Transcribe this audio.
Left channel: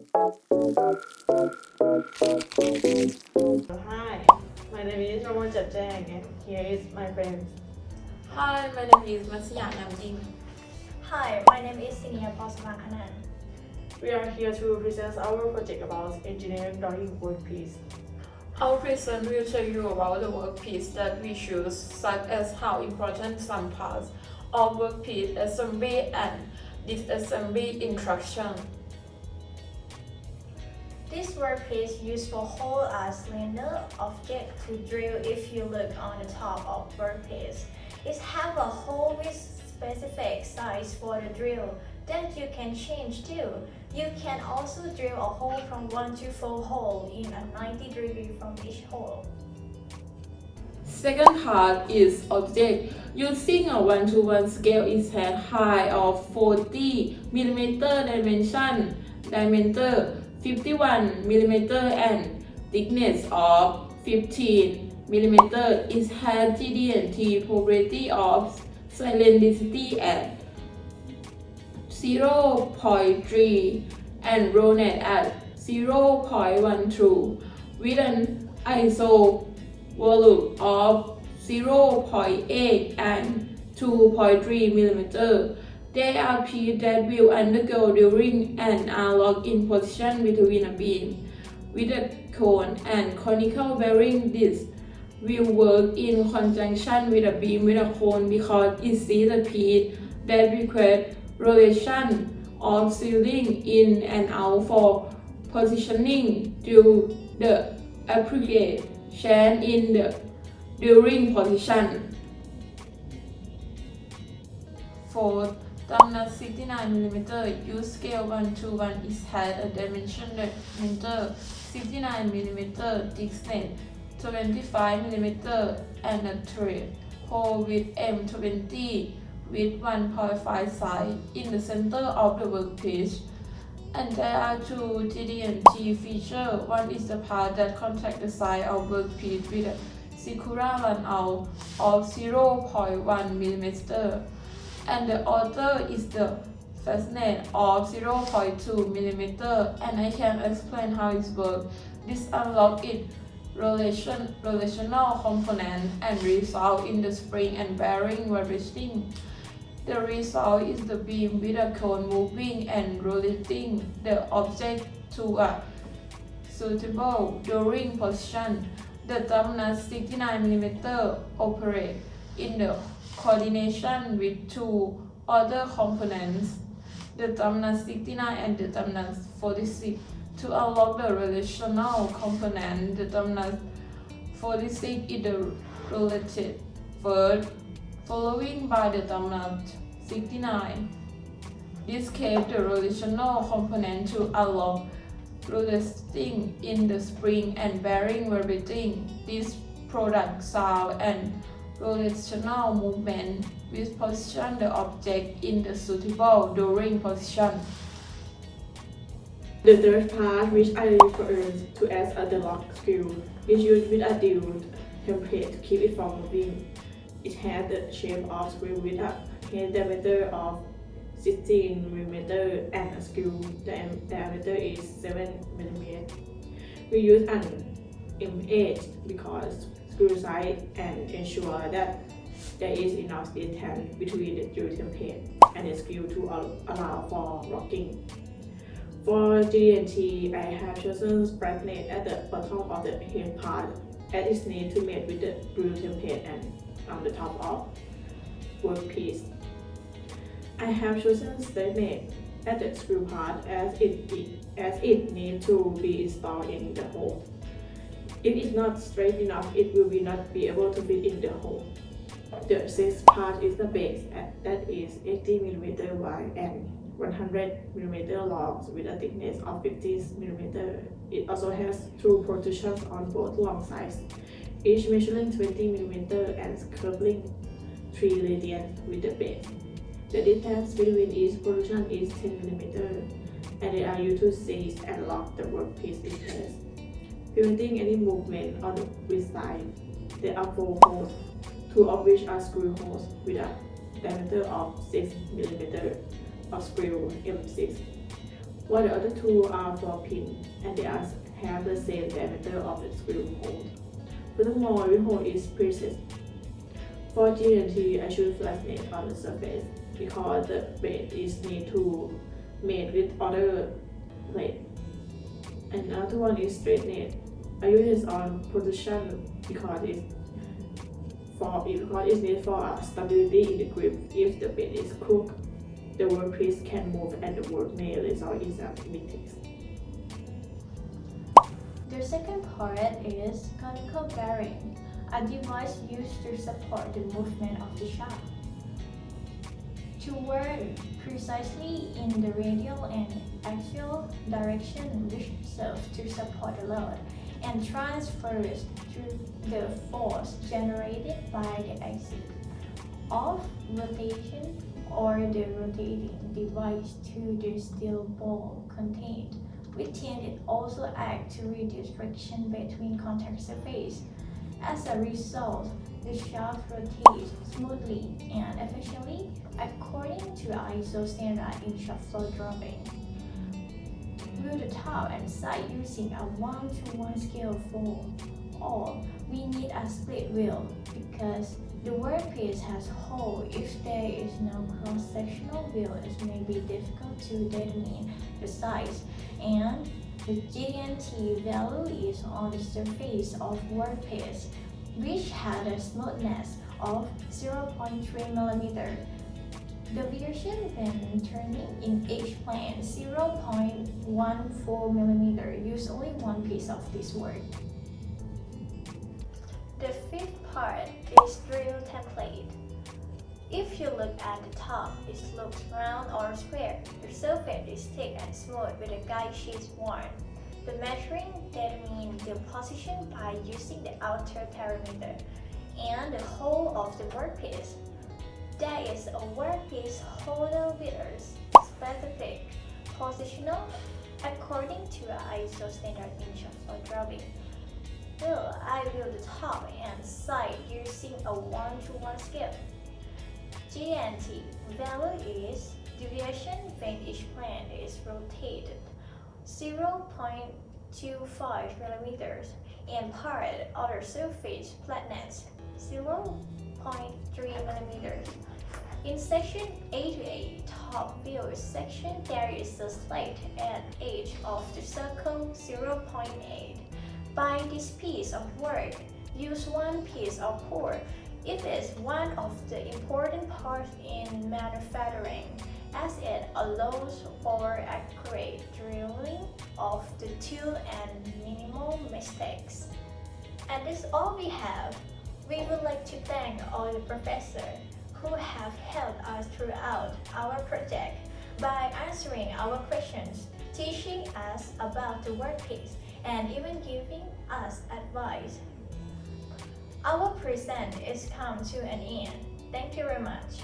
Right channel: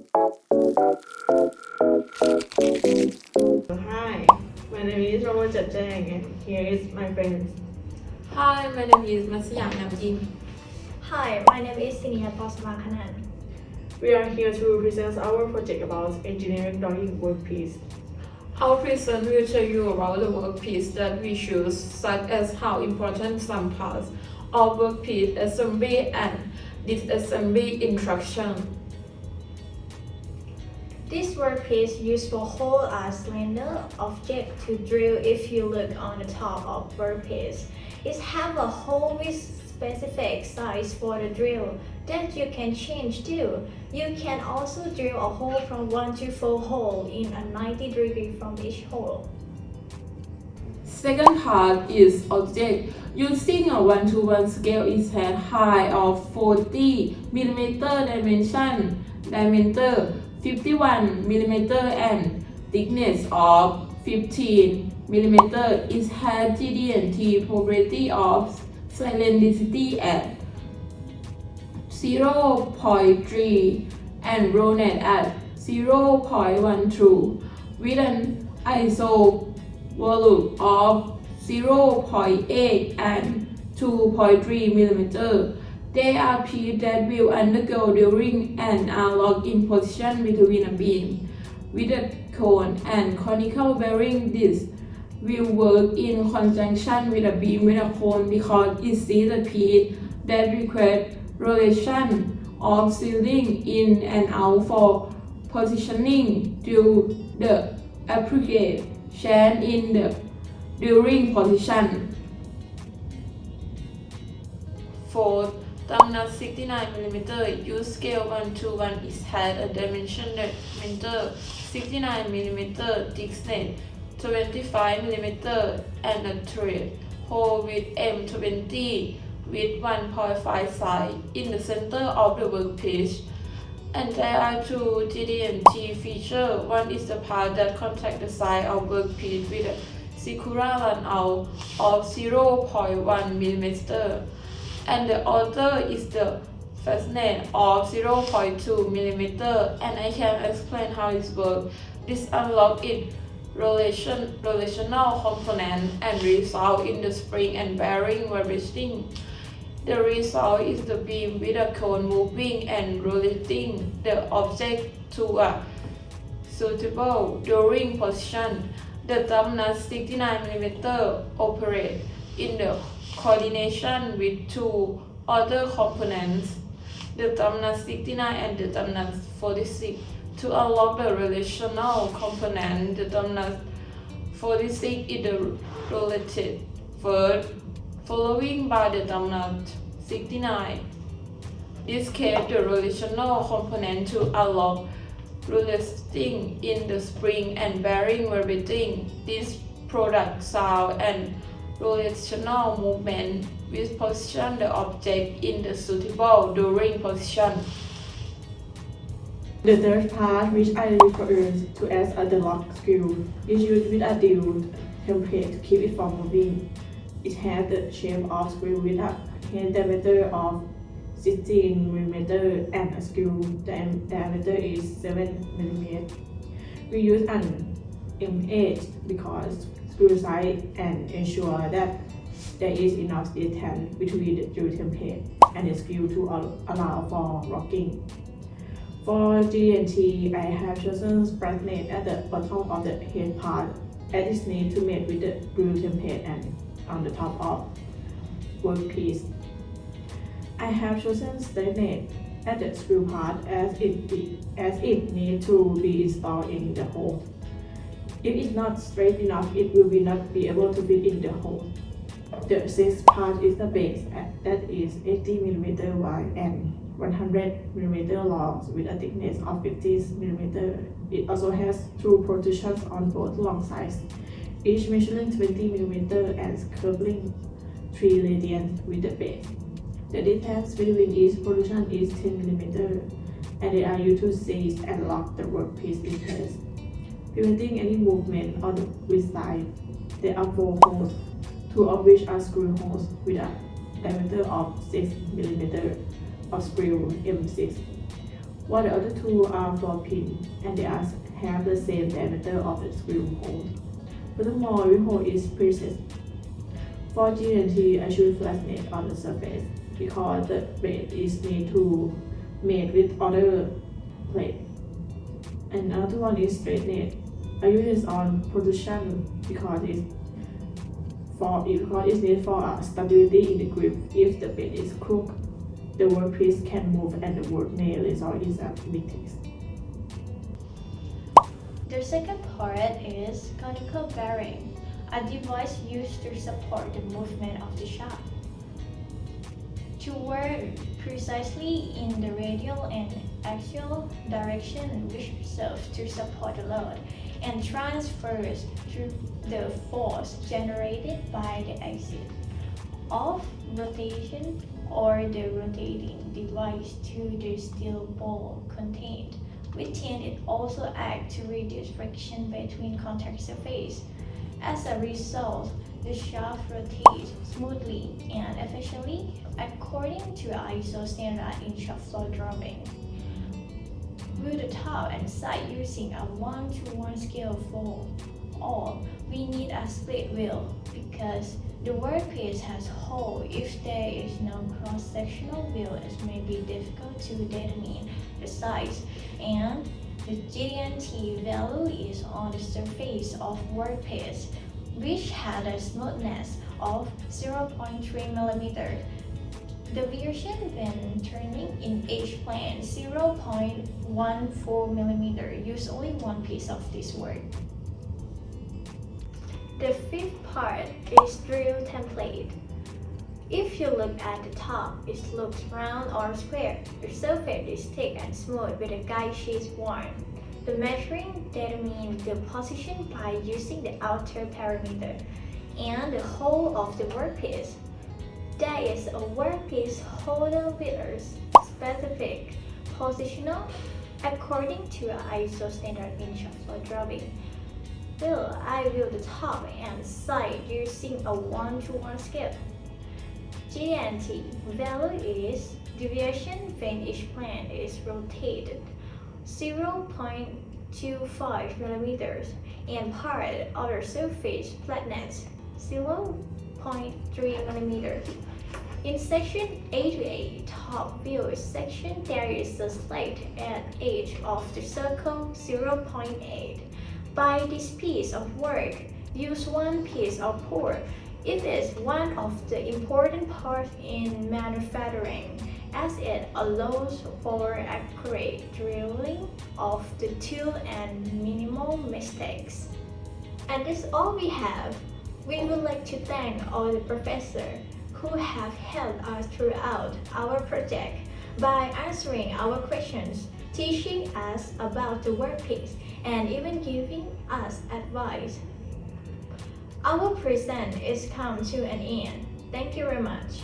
Hi, my name is Romo Jajang and here is my friend. Hi, my name is Masaya Namjin. Hi, my name is Sinia Posmakanan. We are here to present our project about engineering drawing workpiece. Our present will tell you about the workpiece that we choose, such as how important some parts of workpiece assembly and disassembly instruction. This workpiece used to hold a cylinder object to drill. If you look on the top of workpiece, it has a hole with specific size for the drill that you can change too. You can also drill a hole from 1 to 4 holes in a 90 degree from each hole. Second part is object. Using a 1:1 scale is hand height of 40 mm diameter 51 mm and thickness of 15 mm. It has GD&T property of cylindricity at 0.3 and roundness at 0.12 with an ISO volume of 0.8 and 2.3 mm. They are pieces that will undergo during and are locked in position between a beam with a cone and conical bearing. This will work in conjunction with a beam with a cone because it is a piece that requires rotation of sealing in and out for positioning to the appropriate change in the during position. For thumb nut 69 mm, use scale 1:1. It has a dimension meter 69 mm, thickness 25 mm and a thread hole with M20 with 1.5 side in the center of the workpiece. And there are two GD&T features. One is the part that contacts the side of workpiece with a circular runout of 0.1 mm, and the other is the fastness of 0.2 mm, and I can explain how it works. This unlocks its relational component and result in the spring and bearing vibrating. The result is the beam with a cone moving and rotating the object to a suitable during position. The thumb nut 69 mm operates in the coordination with two other components, the thumb nut 69 and the thumb nut 46. To unlock the relational component, the thumb nut 46 is the related first, following by the thumb nut 69. This case the relational component to unlock resting in the spring and bearing vibrating. This product sound and rotational movement which position the object in the suitable during position. The third part, which I refer to as a lock screw, is used with a dual template to keep it from moving. It has the shape of screw with a head diameter of 16 mm and a screw diameter is 7 mm. We use an M8 because screw size and ensure that there is enough distance between the screw template and the screw to allow for locking. For GD&T, I have chosen flatness at the bottom of the head part as it needs to mate with the screw template and on the top of workpiece. I have chosen straightness at the screw part as it needs to be installed in the hole. If it's not straight enough, it will not be able to fit in the hole. The sixth part is the base that is 80 mm wide and 100 mm long with a thickness of 50 mm. It also has two protrusions on both long sides, each measuring 20 mm and curving 3 radians with the base. The distance between each protrusion is 10 mm, and they are used to seize and lock the workpiece in place, preventing any movement on the side. There are 4 holes, 2 of which are screw holes with a diameter of 6 mm of screw M6. while the other two are for pin and they have the same diameter of the screw hole. Furthermore, every hole is preset for GNT ensure flatness on the surface because the plate is made with other plate. And another one is straightness. I use this on position because it's needed for stability in the grip. If the bed is crooked, the workpiece can move and the work may result in some mistakes. The second part is conical bearing, a device used to support the movement of the shaft. To work precisely in the radial and axial direction, which serves to support the load and transfers through the force generated by the axis of rotation or the rotating device to the steel ball contained within it also acts to reduce friction between contact surfaces. As a result, the shaft rotates smoothly and efficiently according to ISO standard in shaft floor drawing. With the top and side using a 1:1 scale for all, we need a split wheel because the workpiece has hole. If there is no cross-sectional wheel, it may be difficult to determine the size, and the GNT value is on the surface of workpiece, which had a smoothness of 0.3 mm. Deviation when turning in H-plane 0.14 mm. Use only one piece of this work. The fifth part is drill template. If you look at the top, it looks round or square. The surface is thick and smooth with a guide sheet worn. The measuring determines the position by using the outer perimeter and the hole of the workpiece. There is a workpiece holder with a specific positional according to ISO standard in shaft floor drawing. I will the top and side using a 1:1 scale. GNT value is deviation when each plane is rotated 0.25 mm and part outer surface flatness 0.3 mm. In section A to A top view section, there is a slit at edge of the circle 0.8. By this piece of work, use one piece of core. It is one of the important parts in manufacturing as it allows for accurate drilling of the tool and minimal mistakes. And that's all we have. We would like to thank all the professors who have helped us throughout our project by answering our questions, teaching us about the workpiece, and even giving us advice. Our present is come to an end. Thank you very much.